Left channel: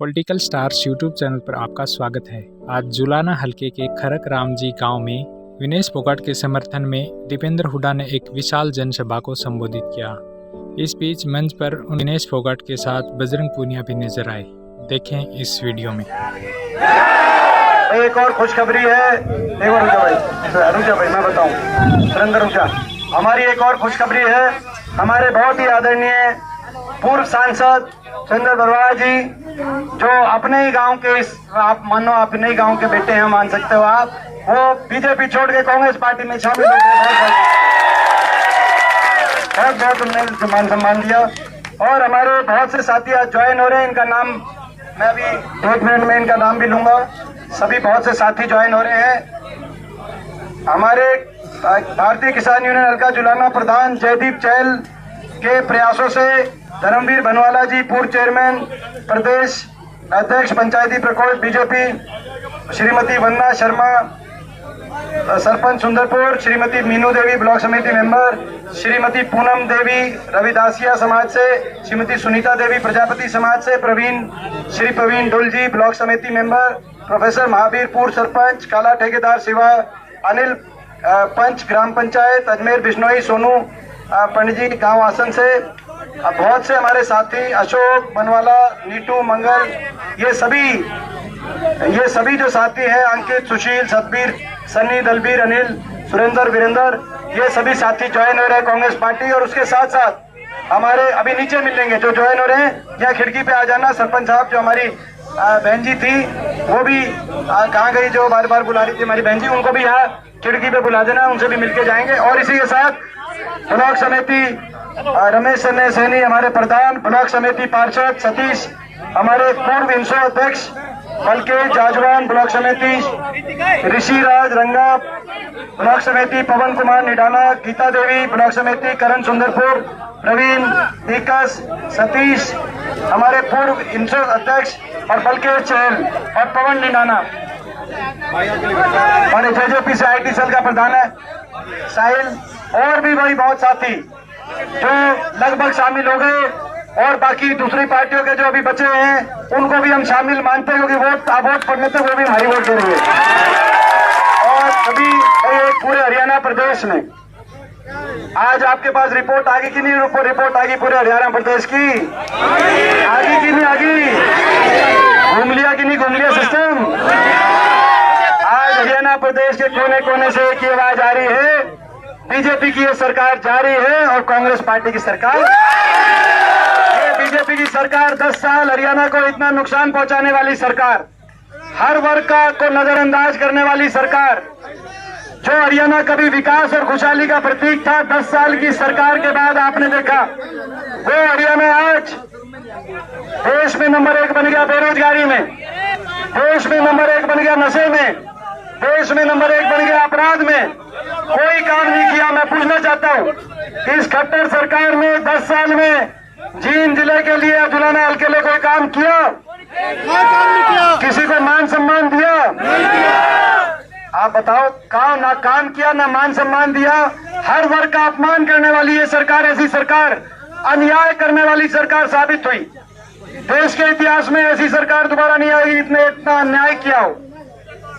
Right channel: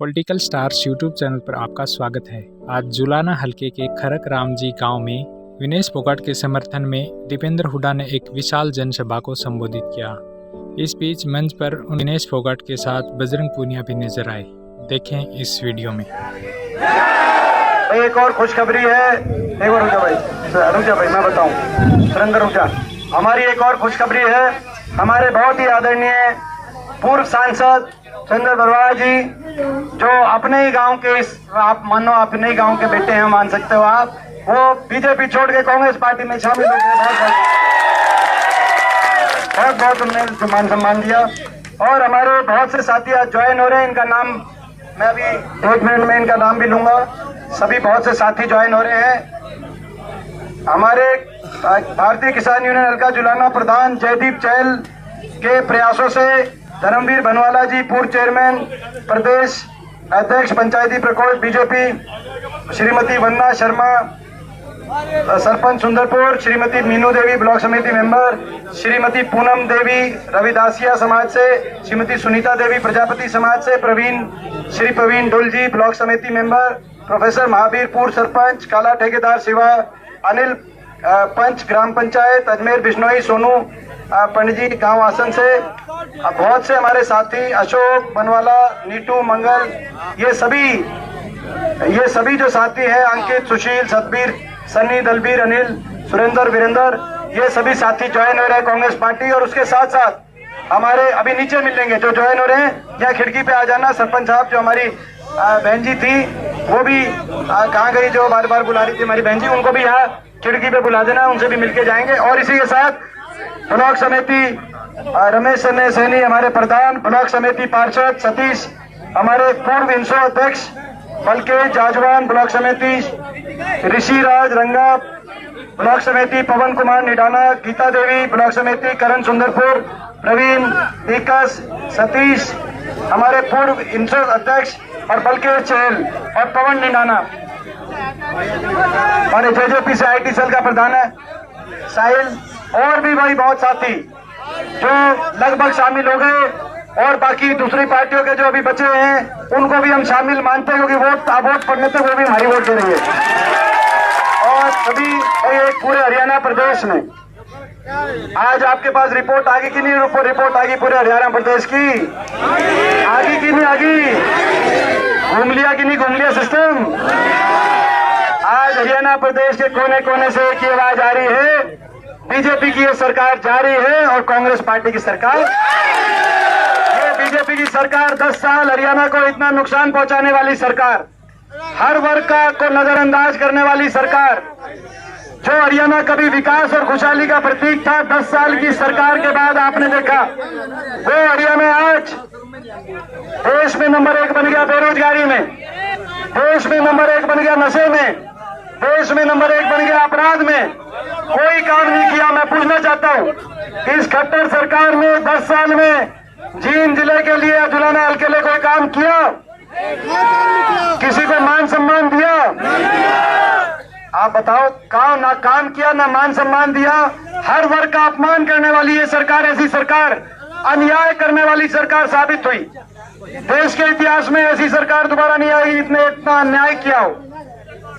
Political stars YouTube channel पर आपका स्वागत है। आज जुलाना हलके के खरक रामजी गांव में विनेश फोगाट के समर्थन में दीपेंद्र हुड्डा ने एक विशाल जनसभा को संबोधित किया। इस बीच मंच पर विनेश फोगाट के साथ बजरंग पूनिया भी नजर आए। देखें इस वीडियो में। एक और खुशखबरी है। एक और रुक जा भाई मैं बताऊं। सुरेंद्र रुक जा। हमारी एक और खुशखबरी है। हमारे बहुत ही आदरणीय पूर्व सांसद चंद्र बरवाला जी, जो अपने ही गांव के, आप मानो अपने ही गांव के बेटे हैं, मान सकते हो आप, वो बीजेपी छोड़ के कांग्रेस पार्टी में शामिल हो गए। बहुत उन्होंने मान सम्मान दिया। और हमारे बहुत से साथी आज ज्वाइन हो रहे हैं। इनका नाम मैं अभी 1 मिनट में इनका नाम भी लूंगा। सभी बहुत से साथी ज्वाइन हो रहे हैं। हमारे भारतीय किसान यूनियन हल्का जुलाना प्रधान जयदीप चहल के प्रयासों से धर्मवीर बनवाला जी, पूर्व चेयरमैन प्रदेश अध्यक्ष पंचायती प्रकोष्ठ बीजेपी, श्रीमती वंदना शर्मा सरपंच सुंदरपुर, श्रीमती मीनू देवी ब्लॉक समिति मेंबर, श्रीमती पूनम देवी रविदासिया समाज से, श्रीमती सुनीता देवी प्रजापति समाज से, श्री प्रवीण डुल जी ब्लॉक समिति मेंबर, प्रोफेसर महावीर पूर्व सरपंच, काला ठेकेदार शिवा, अनिल पंच ग्राम पंचायत अजमेर बिश्नोई, सोनू पंडित जी गाँव आसन से, बहुत से हमारे साथी अशोक बनवाला, नीटू मंगल, ये सभी जो साथी हैं, अंकित, सुशील, सतबीर, सन्नी, दलबीर, अनिल, सुरेंद्र, वीरेंद्र, ये सभी साथी ज्वाइन हो रहे हैं कांग्रेस पार्टी। और उसके साथ साथ हमारे अभी नीचे मिलेंगे जो ज्वाइन हो रहे हैं, यहाँ खिड़की पे आ जाना। सरपंच साहब जो हमारी बहन जी थी, वो भी कहाँ गई, जो बार बार बुला रही थी हमारी बहन जी, उनको भी यहाँ खिड़की पे बुला देना, उनसे भी मिलके जाएंगे। और इसी के साथ ब्लॉक समिति रमेश सैनी हमारे प्रधान, ब्लॉक समिति पार्षद सतीश हमारे पूर्व इंसो अध्यक्ष, बल्कि जाजवान ब्लॉक समिति ऋषि राज रंगा, ब्लॉक समिति पवन कुमार निडाला, गीता देवी ब्लॉक समिति करण सुंदरपुर, प्रवीण विकास, सतीश हमारे पूर्व इंसो अध्यक्ष और बल्कि चहल और पवन निडाना हमारे जेजेपी से IT सेल का प्रधान है साहिल, और भी भाई बहुत साथी जो लगभग शामिल हो गए। और बाकी दूसरी पार्टियों के जो अभी बचे हैं उनको भी हम शामिल मानते हैं, क्योंकि वोट पड़ने तक वो भी हमारी वोट दे रही है। और सभी एक पूरे हरियाणा प्रदेश में आज आपके पास रिपोर्ट आगे की नहीं, रिपोर्ट आगी पूरे हरियाणा प्रदेश की, आगे की नहीं आगी, घूम लिया कि नहीं घूम लिया सिस्टम। आज हरियाणा प्रदेश के कोने कोने से एक ही आवाज आ रही है, बीजेपी की ये सरकार जारी है और कांग्रेस पार्टी की सरकार, ये बीजेपी की सरकार 10 साल हरियाणा को इतना नुकसान पहुंचाने वाली सरकार, हर वर्ग को नजरअंदाज करने वाली सरकार, जो हरियाणा कभी विकास और खुशहाली का प्रतीक था, 10 साल की सरकार के बाद आपने देखा वो हरियाणा आज देश में नंबर 1 बन गया बेरोजगारी में, देश में नंबर 1 बन गया नशे में, देश में नंबर 1 बन गया अपराध में। कोई काम नहीं किया। मैं पूछना चाहता हूँ, इस खट्टर सरकार ने 10 साल में जींद जिले के लिए, जुलाना हल्के के लिए कोई काम किया? किसी को मान सम्मान दिया? आप बताओ, ना काम किया ना मान सम्मान दिया। हर वर्ग का अपमान करने वाली ये सरकार, ऐसी सरकार, अन्याय करने वाली सरकार साबित हुई। देश के इतिहास में ऐसी सरकार दोबारा नहीं आएगी जिसने इतना अन्याय किया हो।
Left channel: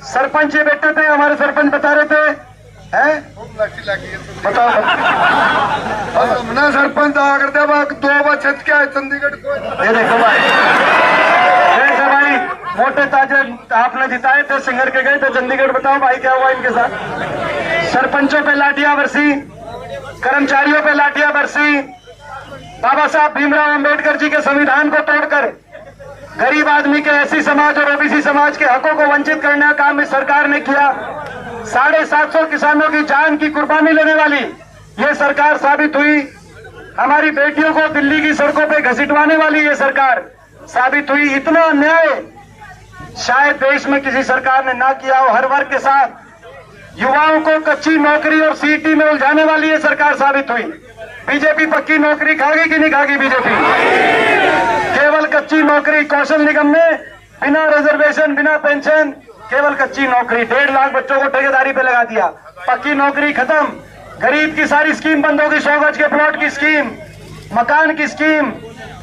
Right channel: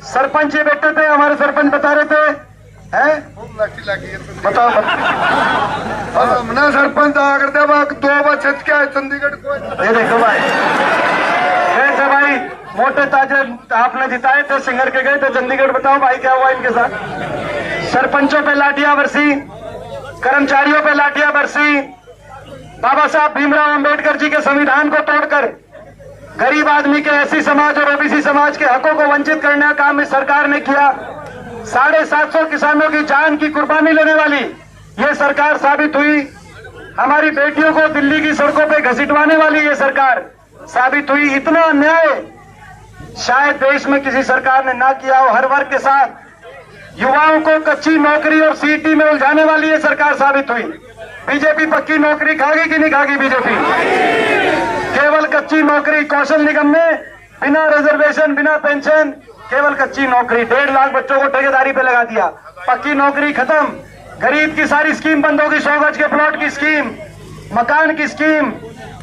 सरपंच ये बैठे थे, हमारे सरपंच बता रहे थे, बताओ सरपंच आकर 2 बजे क्या है चंडीगढ़ को। ये देखो भाई, मोटे ताजे आपने जिताए थे, सिंगर के गए थे चंडीगढ़। बताओ भाई क्या हुआ इनके साथ? सरपंचों पे लाठियां बरसी, कर्मचारियों पे लाठियां बरसी। बाबा साहब भीमराव अंबेडकर जी के संविधान को तोड़कर गरीब आदमी के SC समाज और OBC समाज के हकों को वंचित करने का काम इस सरकार ने किया। 750 किसानों की जान की कुर्बानी लेने वाली ये सरकार साबित हुई। हमारी बेटियों को दिल्ली की सड़कों पे घसीटवाने वाली ये सरकार साबित हुई। इतना अन्याय शायद देश में किसी सरकार ने ना किया हो। हर वर्ग के साथ युवाओं को कच्ची नौकरी और CET में उलझाने वाली ये सरकार साबित हुई। बीजेपी पक्की नौकरी खागी कि नहीं खागी? बीजेपी केवल कच्ची नौकरी, कौशल निगम में बिना रिजर्वेशन, बिना पेंशन, केवल कच्ची नौकरी। 1.5 लाख बच्चों को ठेकेदारी पे लगा दिया। पक्की नौकरी खत्म। गरीब की सारी स्कीम बंद होगी, 100 गज के प्लॉट की स्कीम, मकान की स्कीम,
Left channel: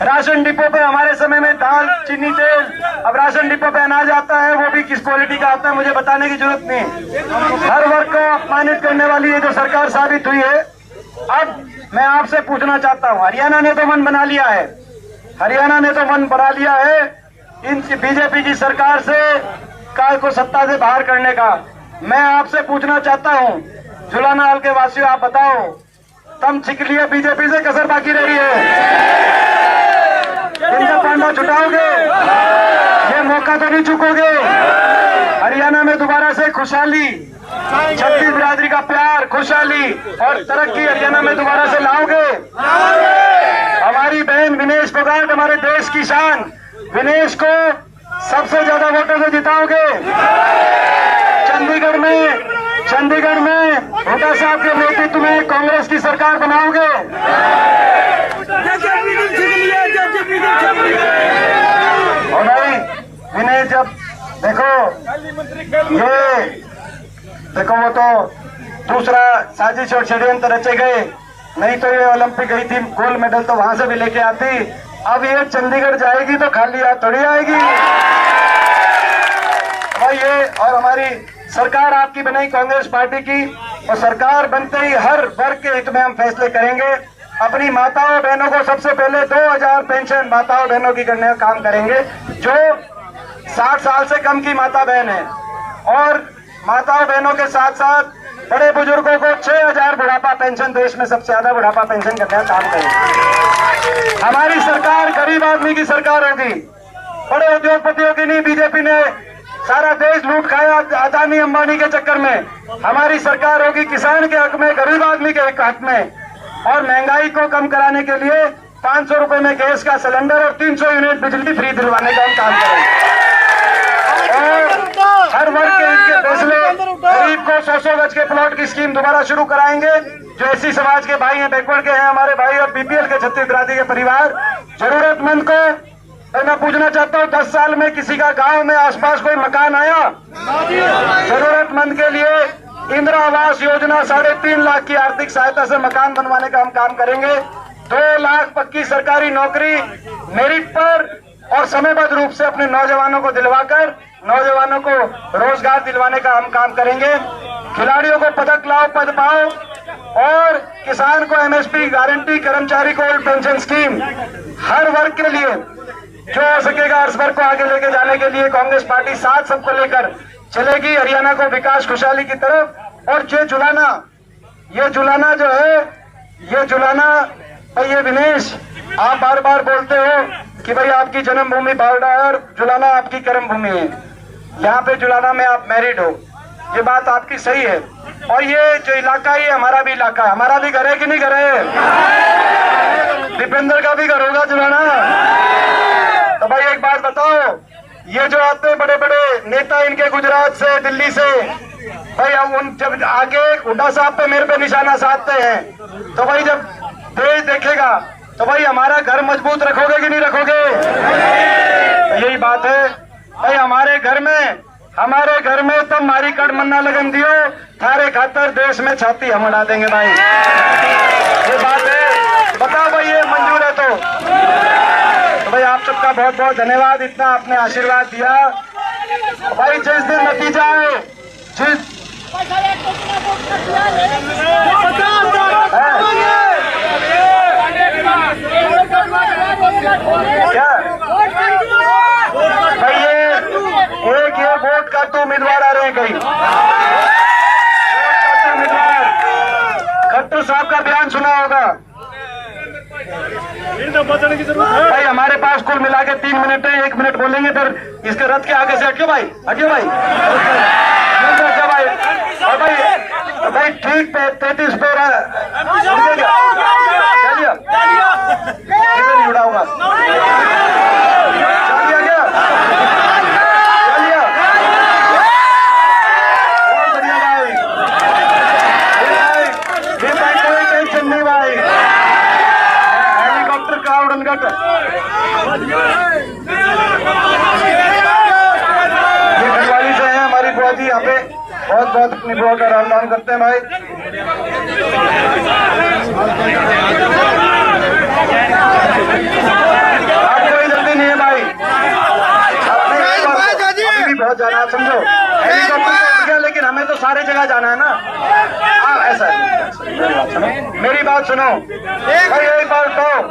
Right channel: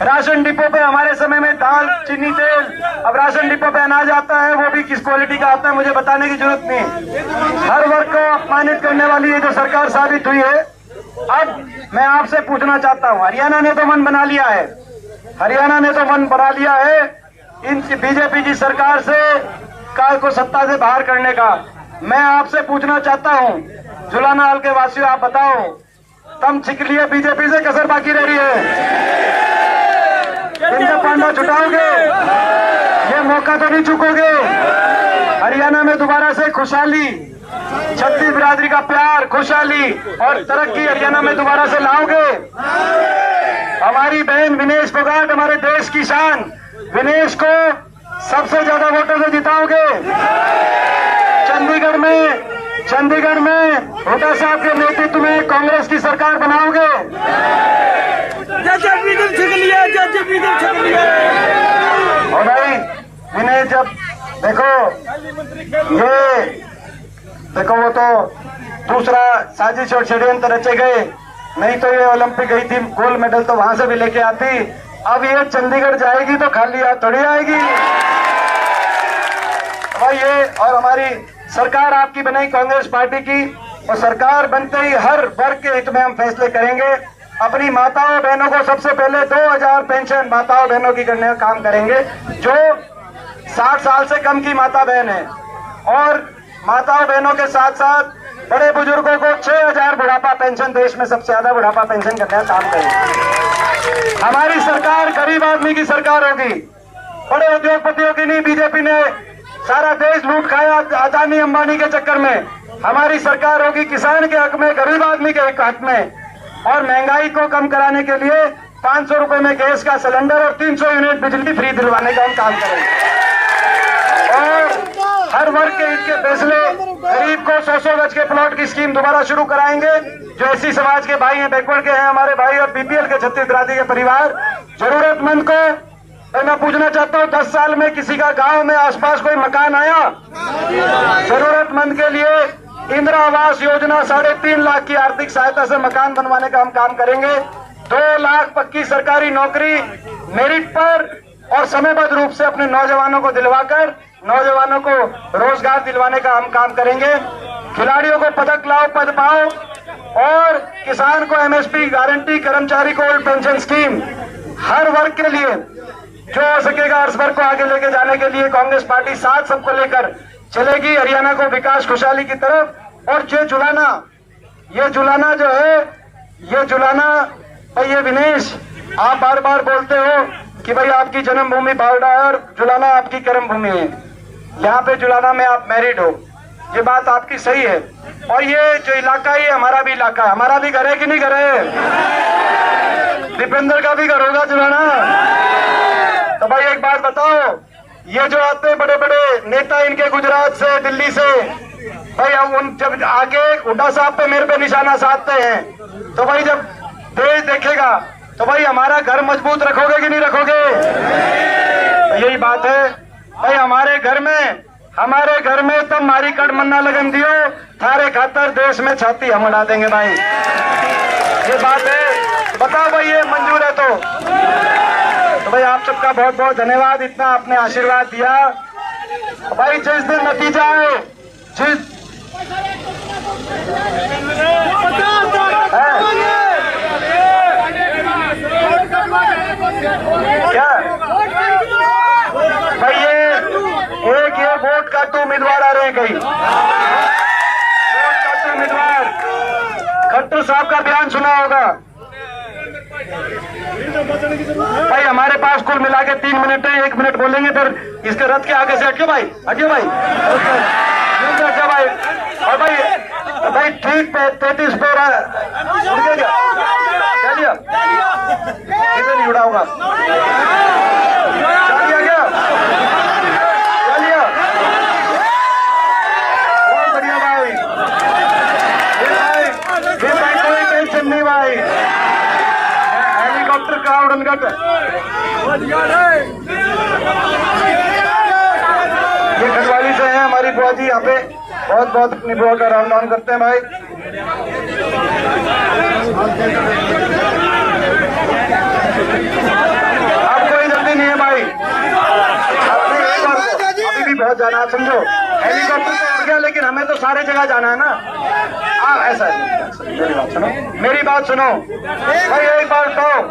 राशन डिपो पे हमारे समय में दाल चीनी तेल, अब राशन डिपो पे अनाज आता है, वो भी किस क्वालिटी का आता है मुझे बताने की जरूरत नहीं। हर वर्ग को अपमानित करने वाली ये जो सरकार साबित हुई है। अब मैं आपसे पूछना चाहता हूँ, हरियाणा ने तो मन बना लिया है, हरियाणा ने तो मन बना लिया है इन बीजेपी की सरकार से काल को सत्ता से बाहर करने का। मैं आपसे पूछना चाहता हूँ, जुलाना हाल के वासियों, आप बताओ, तम छिक लिए बीजेपी से, कसर बाकी रह रही है? इनका पांडा छुटाओगे? ये मौका तो नहीं चुकोगे? हरियाणा में दोबारा से खुशहाली, छत्तीस बिरादरी का प्यार, खुशहाली और तरक्की हरियाणा में दोबारा से लाओगे? हमारी बहन विनेश फोगाट, हमारे देश की शान विनेश को सबसे ज्यादा वोटों से जिताओगे? चंडीगढ़ में हुड्डा साहब के नेतृत्व में कांग्रेस की सरकार बनाओगे? और भाई विनय, जब देखो वो तो दूसरा साजिश और षड्यंत्र रचे गए, नहीं तो ये ओलंपिक गई थी, गोल्ड मेडल तो वहां से भी लेके आती। अब ये चंडीगढ़ जाएगी तो खाली हाथ थोड़ी आएगी भाई। ये और हमारी सरकार आपकी बनाई कांग्रेस पार्टी की, और सरकार बनते ही हर वर्ग के हित में हम फैसले करेंगे। अपनी माताओं बहनों को सबसे पहले 2000 पेंशन माताओं बहनों की करने का काम करेंगे, जो 60 साल से कम की माता बहन है, और माताओं बहनों के साथ साथ बड़े बुजुर्गों को 6000 बुढ़ापा पेंशन, देश में सबसे ज्यादा बुढ़ापा पेंशन करने का काम करेंगे। हमारी सरकार गरीब आदमी की सरकार होगी, बड़े उद्योगपतियों की नहीं। बीजेपी ने सारा देश लूट खाया अदानी अंबानी के चक्कर में। हमारी सरकार होगी किसान के हक में, गरीब आदमी के हक में, और महंगाई को कम कराने के लिए 500 रुपए में गैस का सिलेंडर और 300 यूनिट बिजली फ्री दिलवाने का हम काम करेंगे। और हर वर्ग के हित के फैसले, गरीब को 100 गज के प्लॉट की स्कीम दोबारा शुरू कराएंगे। जो एससी समाज के भाई हैं, बैकवर्ड के हैं हमारे भाई, और बीपीएल के छत्तीस बिरादरी के परिवार, जरूरतमंद को मैं पूछना चाहता हूँ, 10 साल में किसी का गांव में आसपास कोई मकान आया? जरूरतमंद के लिए इंदिरा आवास योजना 3.5 लाख की आर्थिक सहायता से मकान बनवाने का हम काम करेंगे। 2 लाख पक्की सरकारी नौकरी मेरिट पर और समयबद्ध रूप से अपने नौजवानों को दिलवाकर नौजवानों को रोजगार दिलवाने का हम काम करेंगे। खिलाड़ियों को पदक लाओ, पद पाओ, और किसान को एमएसपी गारंटी, कर्मचारी को ओल्ड पेंशन स्कीम, हर वर्ग के लिए जो हो सकेगा हर वर्ग को आगे लेके जाने के लिए कांग्रेस पार्टी साथ सबको लेकर चलेगी हरियाणा को विकास खुशहाली की तरफ। और ये जुलाना जो है, ये जुलाना भाई, ये विनेश, आप बार बार बोलते हो कि भाई आपकी जन्मभूमि बावड़ा है और जुलाना आपकी कर्म भूमि है। यहाँ पे जुलाना में आप मैरिड हो, ये बात आपकी सही है। और ये जो इलाका है, ये हमारा भी इलाका है, हमारा भी घर है कि नहीं घर है? दीपेंद्र का भी घर होगा जुलाना। तो भाई एक बात बताओ, ये जो आते हैं बड़े बड़े नेता इनके गुजरात से, दिल्ली से, भाई हम उन जब आगे हुड्डा साहब पे मेरे पे निशाना साधते हैं, तो भाई जब देश देखेगा तो भाई हमारा घर मजबूत रखोगे कि नहीं रखोगे? तो यही बात है भाई, हमारे घर में तो मारी कड़ मन्ना लगन दियो, थारे खातर देश में छाती हम उड़ा देंगे भाई। ये बात है, बताओ भाई ये मंजूर है तो भाई आप सबका बहुत बहुत धन्यवाद, इतना आपने आशीर्वाद दिया भाई। जिस दिन नतीजा है, क्या भाई, ये वोट का तो उम्मीदवार आ रहे हैं कहीं, वोट का तो उम्मीदवार खट्टर साहब का बयान सुना होगा भाई। हमारे पास कुल मिला के 3 मिनट है, 1 मिनट बोलेंगे, फिर इसके रथ के आगे से हटियो भाई, हटियो भाई, अच्छा भाई। और भाई ठीक पे 33 पे इधर नहीं उड़ा होगा, क्या बहुत बढ़िया भाई, कोई टेंशन नहीं भाई, हेलीकॉप्टर का उड़न घट। ये खंडवाली से है हमारी बुआ जी, यहाँ पे बहुत बहुत अपनी बुआ का राम नाम करते हैं भाई। कोई जल्दी नहीं है भाई, अभी भी बहुत जाना है, समझो। हेलीकॉप्टर तो उड़ गया, लेकिन हमें तो सारे जगह जाना है ना। ऐसा मेरी बात सुनो भाई, एक बात बताओ,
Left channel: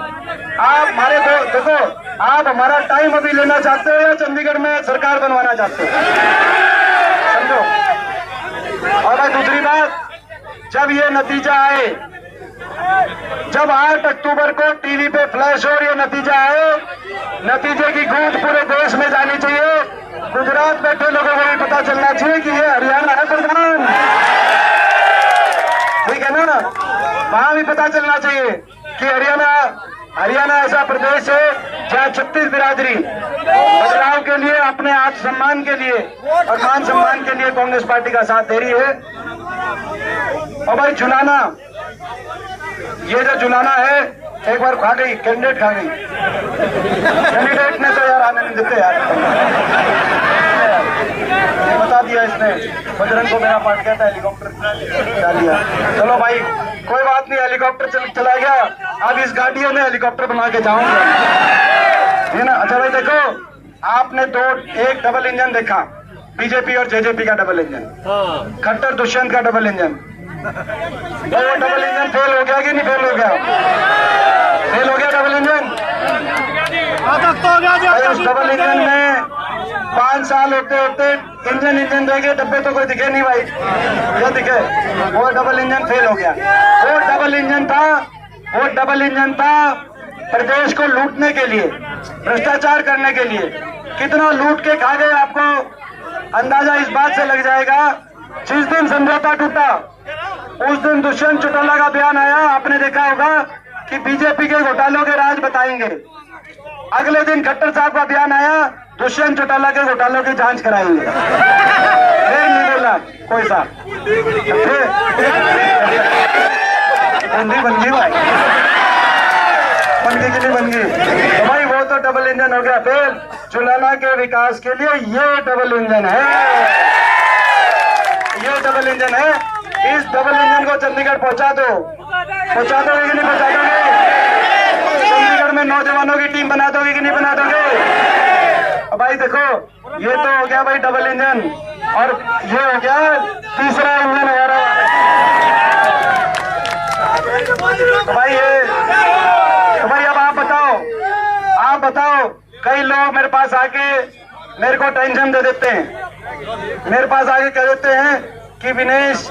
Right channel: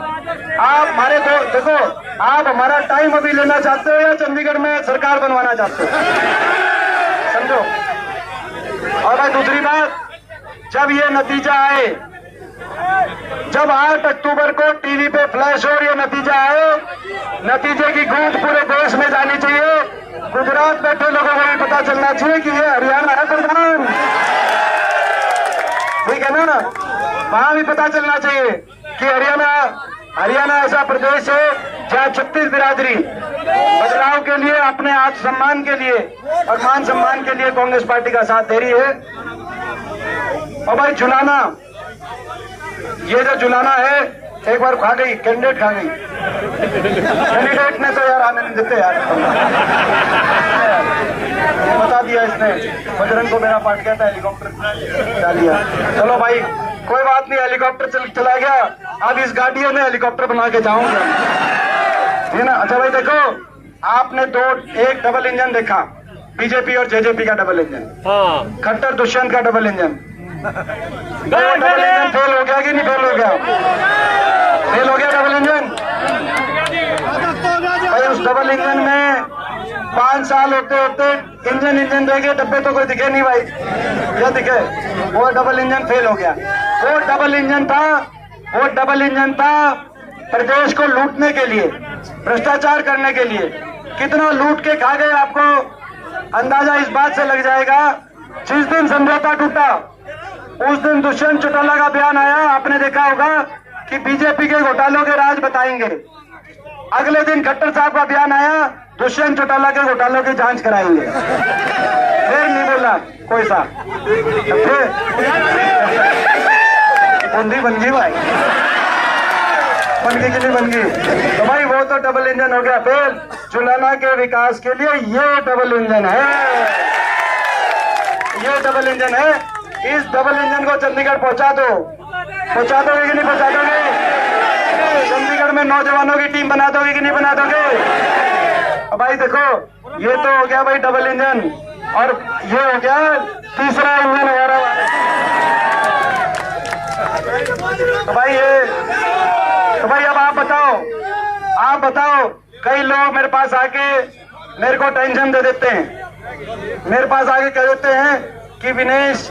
आप हमारे देखो, आप हमारा टाइम अभी लेना चाहते हो या चंडीगढ़ में सरकार बनवाना चाहते हो, समझो। और भाई दूसरी बात, जब ये नतीजा आए, जब 8 अक्टूबर को टीवी पे फ्लैश हो ये नतीजा आए, नतीजे की गूंज पूरे देश में जानी चाहिए। गुजरात बैठे लोगों को भी पता चलना चाहिए कि ये हरियाणा है प्रधान, ठीक है ना। वहां भी पता चलना चाहिए कि हरियाणा ऐसा प्रदेश है जहाँ 36 बिरादरी बदलाव के लिए, अपने आत्मसम्मान के लिए और मान सम्मान के लिए कांग्रेस पार्टी का साथ दे रही है। और भाई जुलाना, ये जो जुलाना है, एक बार खा गई, कैंडिडेट खा गई, कैंडिडेट ने तो यार आने नहीं देते यार, ये बता दिया इसने, बजरंग को मेरा पार्ट गया था, हेलीकॉप्टर डालिया। चलो भाई कोई बात नहीं, हेलीकॉप्टर चला गया, अब इस गाड़ियों में हेलीकॉप्टर बना के जाऊंगा, है ना। अच्छा भाई देखो, आपने एक डबल इंजन देखा, बीजेपी और जेजेपी का डबल इंजन, खट्टर दुष्यंत का double engine, double engine fail हो गया कि नहीं फेल हो गया? फेल हो गया डबल इंजन। भाई उस डबल इंजन में 5 साल होते होते इंजन रह गए, डब्बे तो कोई दिखे नहीं भाई, क्या दिखे? वो डबल इंजन फेल हो गया। वो डबल इंजन था प्रदेश को लूटने के लिए, भ्रष्टाचार करने के लिए। कितना लूट के खा गए आपको अंदाजा इस बात से लग जाएगा। जिस दिन समझौता टूटा उस दिन दुष्यंत चौटाला का बयान आया, आपने देखा होगा कि बीजेपी के घोटालों के राज बताएंगे। अगले दिन खट्टर साहब का बयान आया, दुष्यंत चौटाला के घोटालों की जांच कराएंगे। फिर नहीं बोला कोई सा, बंदी बन गई भाई, बनगी के लिए बन गई। तो भाई वो तो डबल इंजन हो गया फेल। जुलाना के विकास के लिए ये डबल इंजन है, ये डबल इंजन है। इस डबल इंजन को चंडीगढ़ पहुंचा दोगे कि नहीं पहुंचा दोगे? चंडीगढ़ में नौजवानों की टीम बना दोगे कि नहीं बना दोगे? अब भाई देखो, ये तो हो गया भाई डबल इंजन, और ये हो गया तीसरा इंजन हमारा। तो भाई अब आप बताओ, कई लोग मेरे पास आके मेरे को टेंशन दे देते हैं, मेरे पास आके कह देते हैं कि विनेश,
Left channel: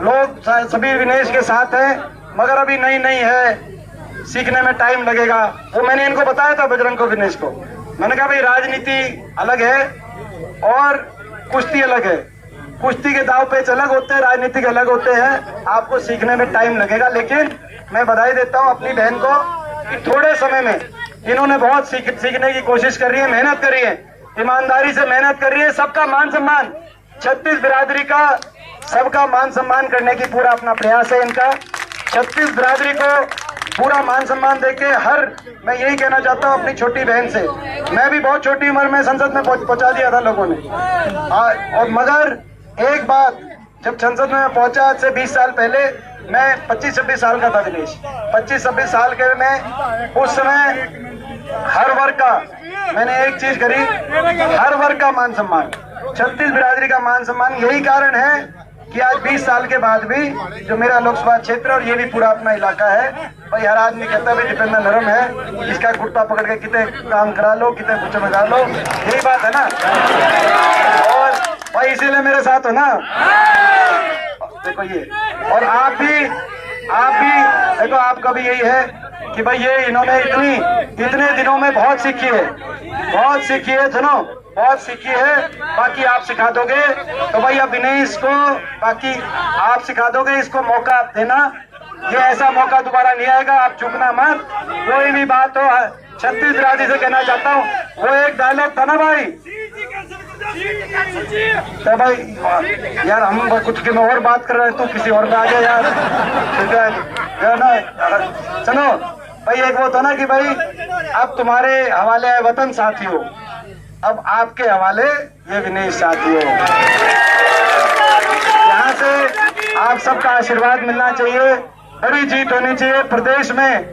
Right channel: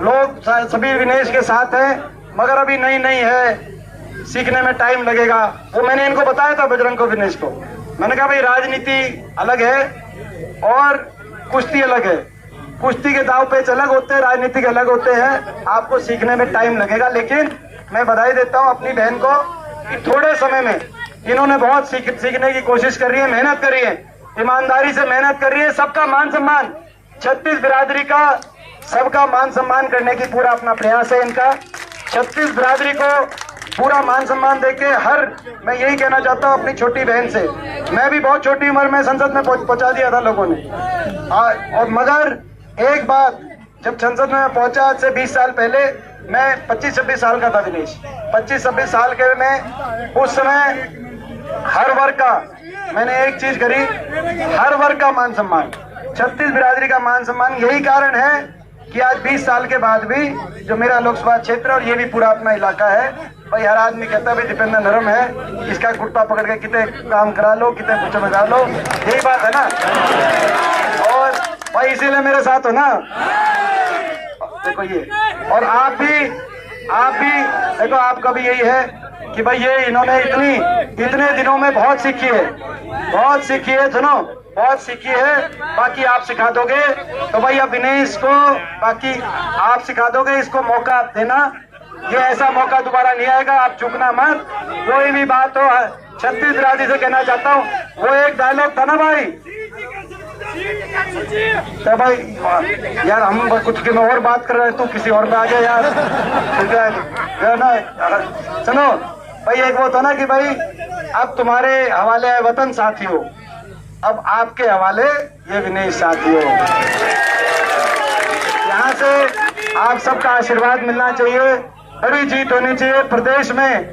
लोग सभी विनेश के साथ हैं, मगर अभी नहीं है, सीखने में टाइम लगेगा। वो मैंने इनको बताया था, बजरंग को, विनेश को, मैंने कहा भाई राजनीति अलग है और कुश्ती अलग है। कुश्ती के दाव पेच अलग होते हैं, राजनीतिक अलग होते हैं, आपको सीखने में टाइम लगेगा। लेकिन मैं बधाई देता हूं अपनी बहन को कि थोड़े समय में इन्होंने बहुत सीखने की कोशिश कर रही है, मेहनत कर रही है, ईमानदारी से मेहनत कर रही है। सबका मान सम्मान, 36 बिरादरी का सबका मान सम्मान करने की पूरा अपना प्रयास है इनका। 36 बिरादरी को पूरा मान सम्मान देके मैं यही कहना चाहता हूँ अपनी छोटी बहन से, मैं भी बहुत छोटी उम्र में संसद में पहुंचा दिया था लोगों ने, और मगर एक बात, जब संसद में पहुंचा आज से 20 साल पहले, मैं 25-26 साल का था विनेश, 25-26 साल के में उस समय हर वर्ग का मैंने एक चीज करी, हर वर्ग का मान सम्मान, 36 बिरादरी का मान सम्मान। यही कारण है कि आज 20 साल के बाद भी जो मेरा लोकसभा क्षेत्र और ये भी पूरा अपना इलाका है, भाई हर आदमी कहता है भाई दीपेंद्र नरम है, इसका कुर्ता पकड़ के कितने काम करा लो, कितने कुछ में डाल लो, यही बात है ना। और भाई इसीलिए मेरे साथ हो ना, देखो ये, और आप भी देखो, आपका भी यही है कि भाई ये इन्होंने इतने दिनों में बहुत सीखी है, सुनो, बहुत सीखी है, बाकी आप सिखा दोगे। तो भाई अब विनेश को बाकी आप सिखा दोगे, इसको मौका देना, ये ऐसा मौका दोबारा नहीं आएगा, आप झुकना मत। कोई भी बात हो, 36 बिरादरी से कहना चाहता हूँ, वो एक डायलॉग था ना भाई, तो भाई यार हम कुछ की और बात कर रहे हैं, तू किसी और में आ गया यार, ठीक है ना। सुनो भाई, एक वो था ना कि भाई अब तुम्हारे हवाले है वतन साथियों, अब आपके हवाले ये विनेश साथियों। यहाँ से आप सबका आशीर्वाद मिलना चाहिए, बड़ी जीत होनी चाहिए प्रदेश में।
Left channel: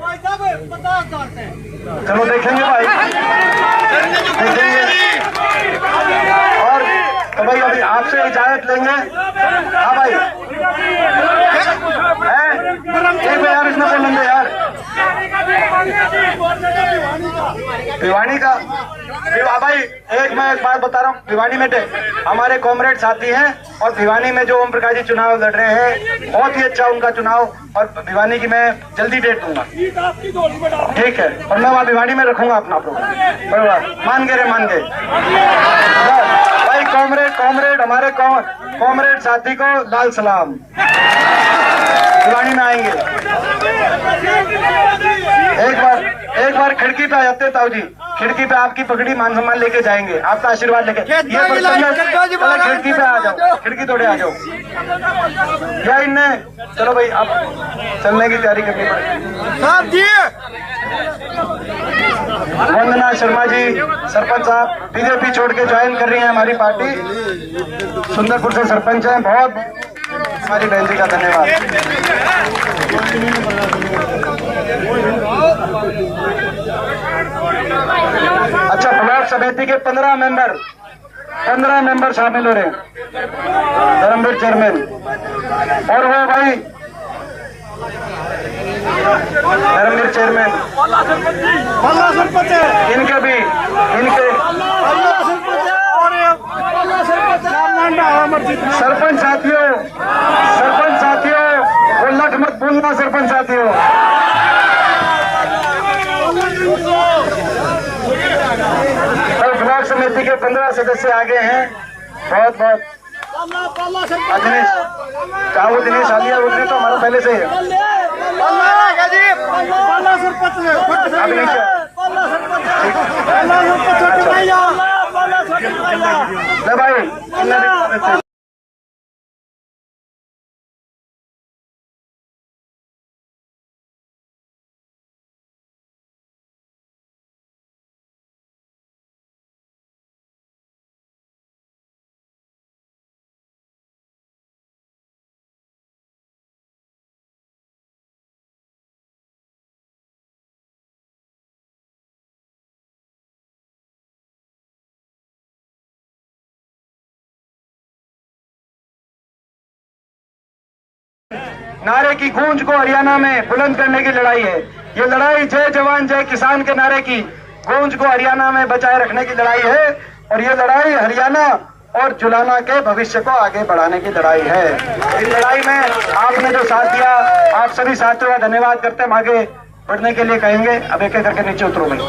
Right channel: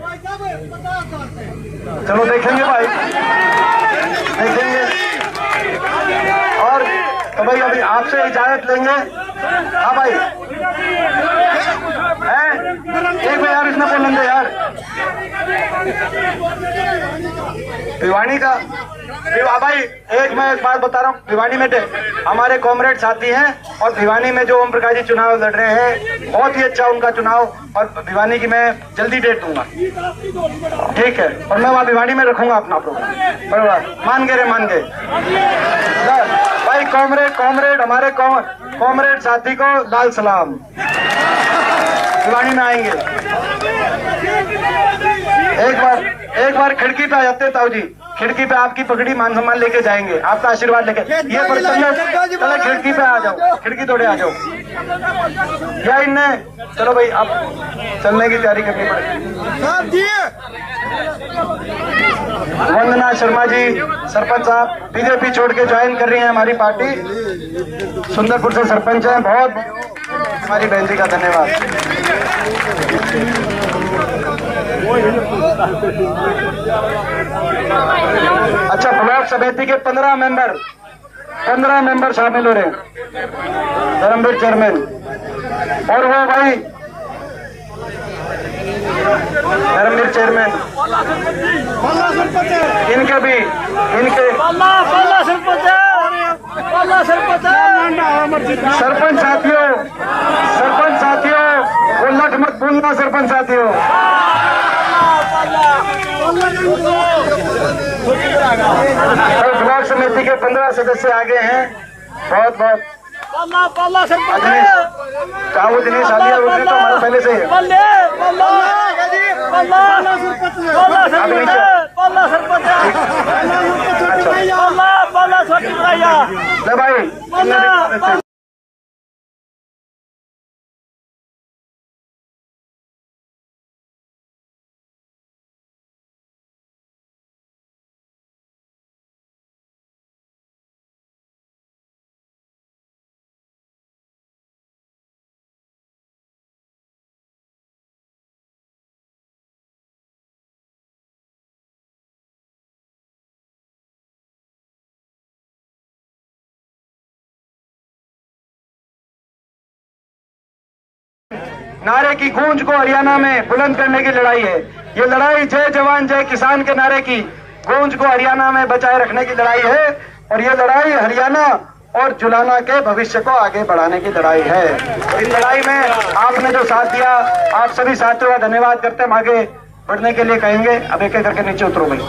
चलो देखेंगे भाई, देखेंगे। और तो भाई अभी आपसे इजाजत लेंगे। हाँ भाई, है एक बार यार इसमें बोलेंगे यार भिवानी का। भाई एक मैं एक बात बता रहा हूँ, भिवानी में हमारे कॉमरेड साथी हैं और भिवानी में जो ओम प्रकाश जी चुनाव लड़ रहे हैं, बहुत ही अच्छा उनका चुनाव, और भिवानी की मैं जल्दी डेट दूंगा, ठीक है। और मैं वहाँ भिवानी में रखूंगा अपना प्रोग्राम, बराबर। मान गए रे, मान गए भाई। कॉमरेड हमारे कॉमरेड साथी को लाल सलाम। भिवानी में आएंगे, एक बार खिड़की पे आ जाते ताऊ जी, खिड़की पे आपकी पगड़ी मान सम्मान लेके जाएंगे, आपका आशीर्वाद लेके। ये खिड़की पे आ जाओ, खिड़की तोड़े आ जाओ या इनने। चलो भाई, अब चलने की तैयारी करनी पड़ेगी। वंदना शर्मा जी सरपंच साहब बीजेपी छोड़ के ज्वाइन कर रही हैं हमारी पार्टी, सुंदरपुर से सरपंच हैं। बहुत हमारी बहन जी का धन्यवाद। अच्छा, ब्लॉक समिति के 15 मेंबर शामिल हो रहे हैं, धर्मवीर चेयरमैन। और वो भाई धर्मवीर चेयरमैन, इनके भी सरपंच साथियों वो लठ मत भूलना, सरपंच साथियों। और ब्लॉक समिति के 15 सदस्य आगे हैं। बहुत चाहे वो दिनेश आलिया वो तो हमारा पहले से ही है। भाई नारे की गूंज को हरियाणा में बुलंद करने की लड़ाई है। ये लड़ाई जय जवान जय किसान के नारे की गूंज को हरियाणा में बचाए रखने की लड़ाई है। और ये लड़ाई हरियाणा और जुलाना के भविष्य को आगे बढ़ाने की लड़ाई है। इस लड़ाई में आपने जो साथ दिया, आप सभी साथियों का धन्यवाद करते हैं। हम आगे बढ़ने के लिए कहेंगे। अब एक एक करके नीचे उतरो भाई।